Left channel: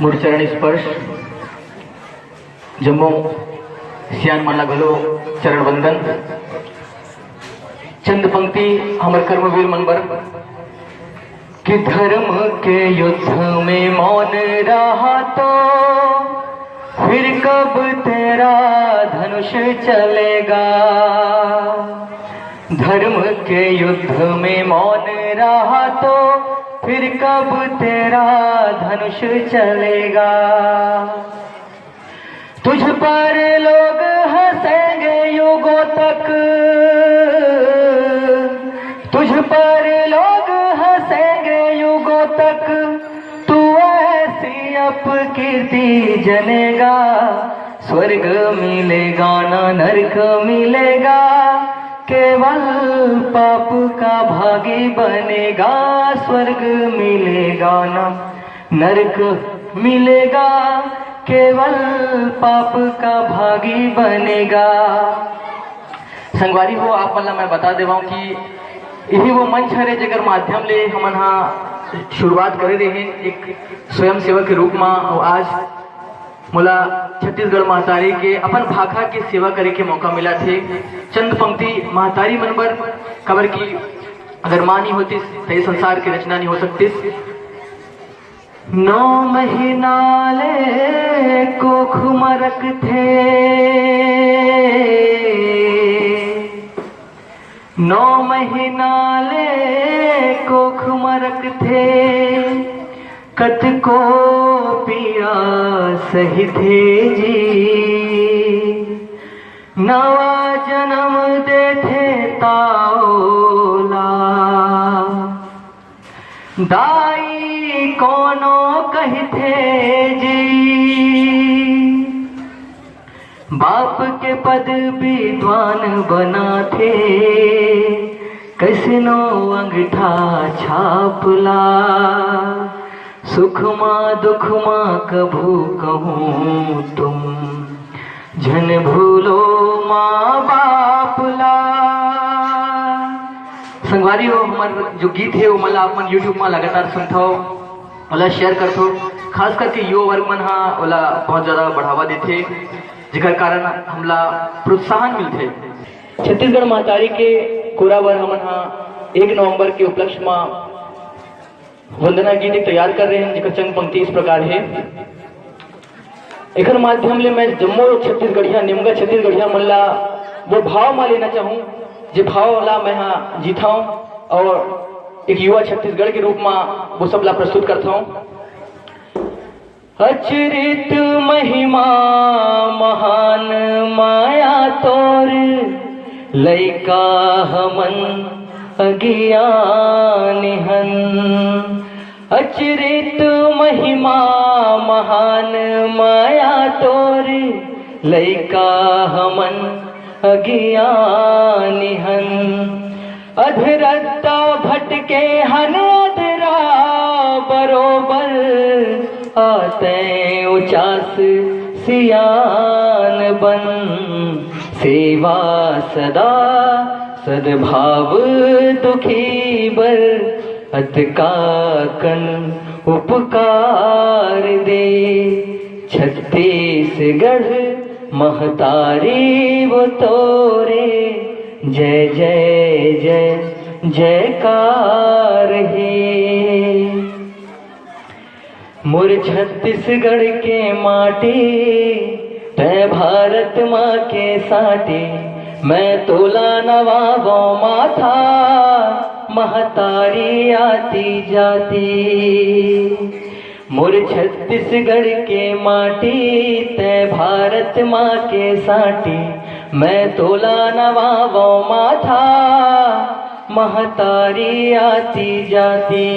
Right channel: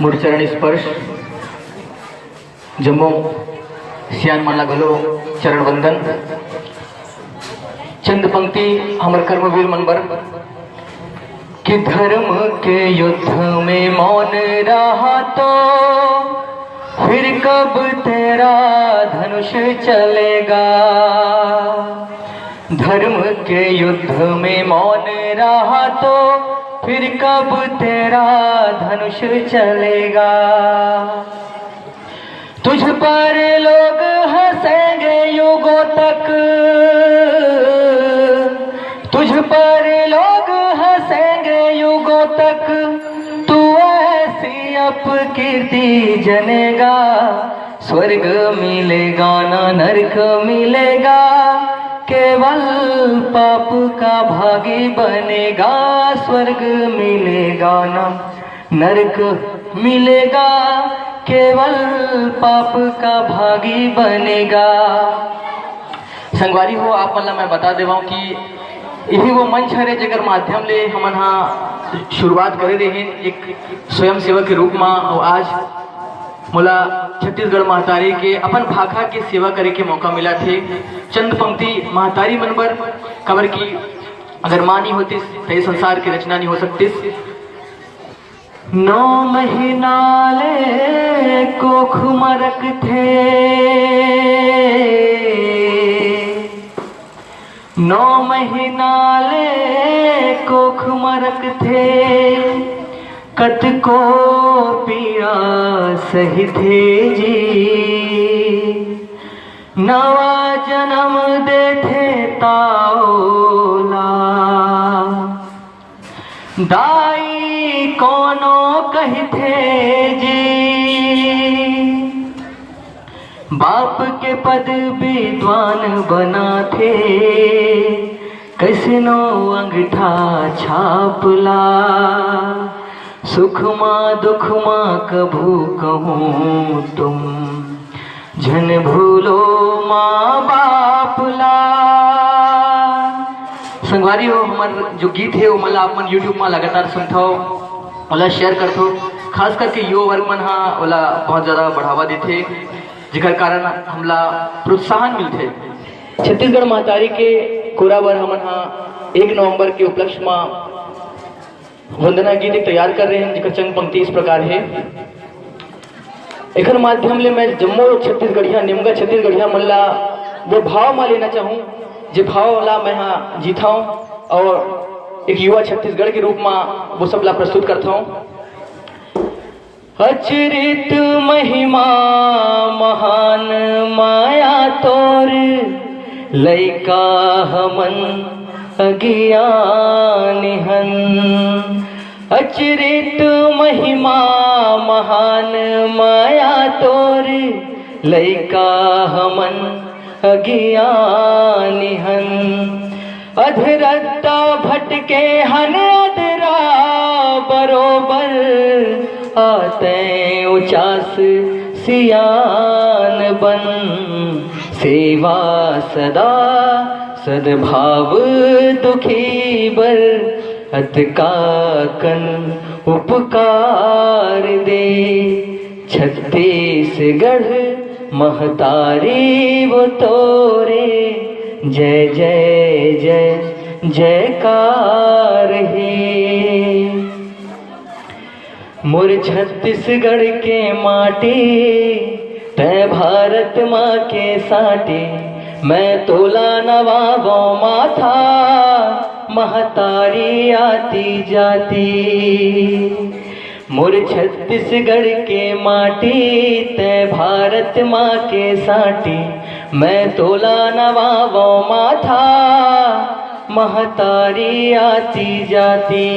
मूर्चरण स्पर्श जम्मू सियान माला घलो चरण वंदन। चंद पंक्ति हमर कर्मवीर मनबर कि धर्म के युद्ध में मौन रहा तो फिर कब तेरा धनुष चलेगा। धर्म के युद्ध में मौन रहा तो फिर कब तेरा धनुष चलेगा। तुझ पर लोग हंसेंगे युगों तक, तुझ पर लोग हंसेंगे युगों तक, तू ऐसी अपकीर्ति जनेगा। स्वर्ग मिलेगा ना नरक मिलेगा, केवल पाप का भागी बनेगा। स्वर्ग मिलेगा ना नरक मिलेगा, केवल पाप का भागी बनेगा। संगवारी हो आप मला मैं बता देवा कि यही वो मंच है जगर माध्यम ले हम यहाँ शुरुआत करे रहे एक स्वयं सेवक के रूप में। और आज मोला छत्तीसगढ़ महतारी के अपन भाखा की सेवा करे के मौका मिला थे। चंद पंक्ति महतारी मन पर खबर की अगर माँ नहीं होती तो संसार की रचना नहीं हो सकती। 9 महीना ले कोख मरक थे, 9 महीना ले कोख मरक थे, कत को पिया सही थे जी। नवा जन्म दे थे ताओला, दाई कोनो कही थे जी। बाप के पद विद्वान बना थे, कैसनो अंगठा छापला। सुख माँ दुख माँ कभू कहूँ तुम, झन भूलो माँ बापला। संगवारी हो हमार जो गीत है वो मला अपन यूट्यूब में लगातार सुनता हो, ओला शेयर करता हो। खास करके युवा वर्ग मन हाँ ओला बहुत ज़्यादा बढ़ावा देते, जिकर कारण हमला प्रोत्साहन मिलते। छत्तीसगढ़ महतारी के कोराबर हमन हाँ 1 नवंबर के उपलक्ष्य में वंदना गीत तैयार कर रहे हैं, जिकर चंद पंक्ति इस प्रकार है। एक माध्यम ले मैं जम्मू छत्तीसगढ़िया निमगा छत्तीसगढ़िया मल्ला वो भाव में लेना चाहूँ जो भाव वाला मैं यहाँ जीता हूँ, और एक युवा छत्तीसगढ़ के रूप में वो सब ला प्रस्तुत करता हूँ। अचरित महिमा महान माया तोर, लैका हमन अज्ञान हन। अचरित महिमा महान माया तोर, लैका हमन अज्ञान हन। अधरता भटके हन अधरा बरोबर, आते उचास सियान बन। सेवा सदा सद्भाव दुखी बर, अतकाकन उपकार दे। छत्तीसगढ़ महतारी वो तोरे, जय जय जय जयकार है। मोर छत्तीसगढ़ के माटी, तय भारत माँ के साटी। मैं तोला नवा गौ माथा, महतारी आती जाती। मोर छत्तीसगढ़ के माटी, तय भारत माँ के साटी। मैं तोला नवा गौ माथा, महतारी आती जाती।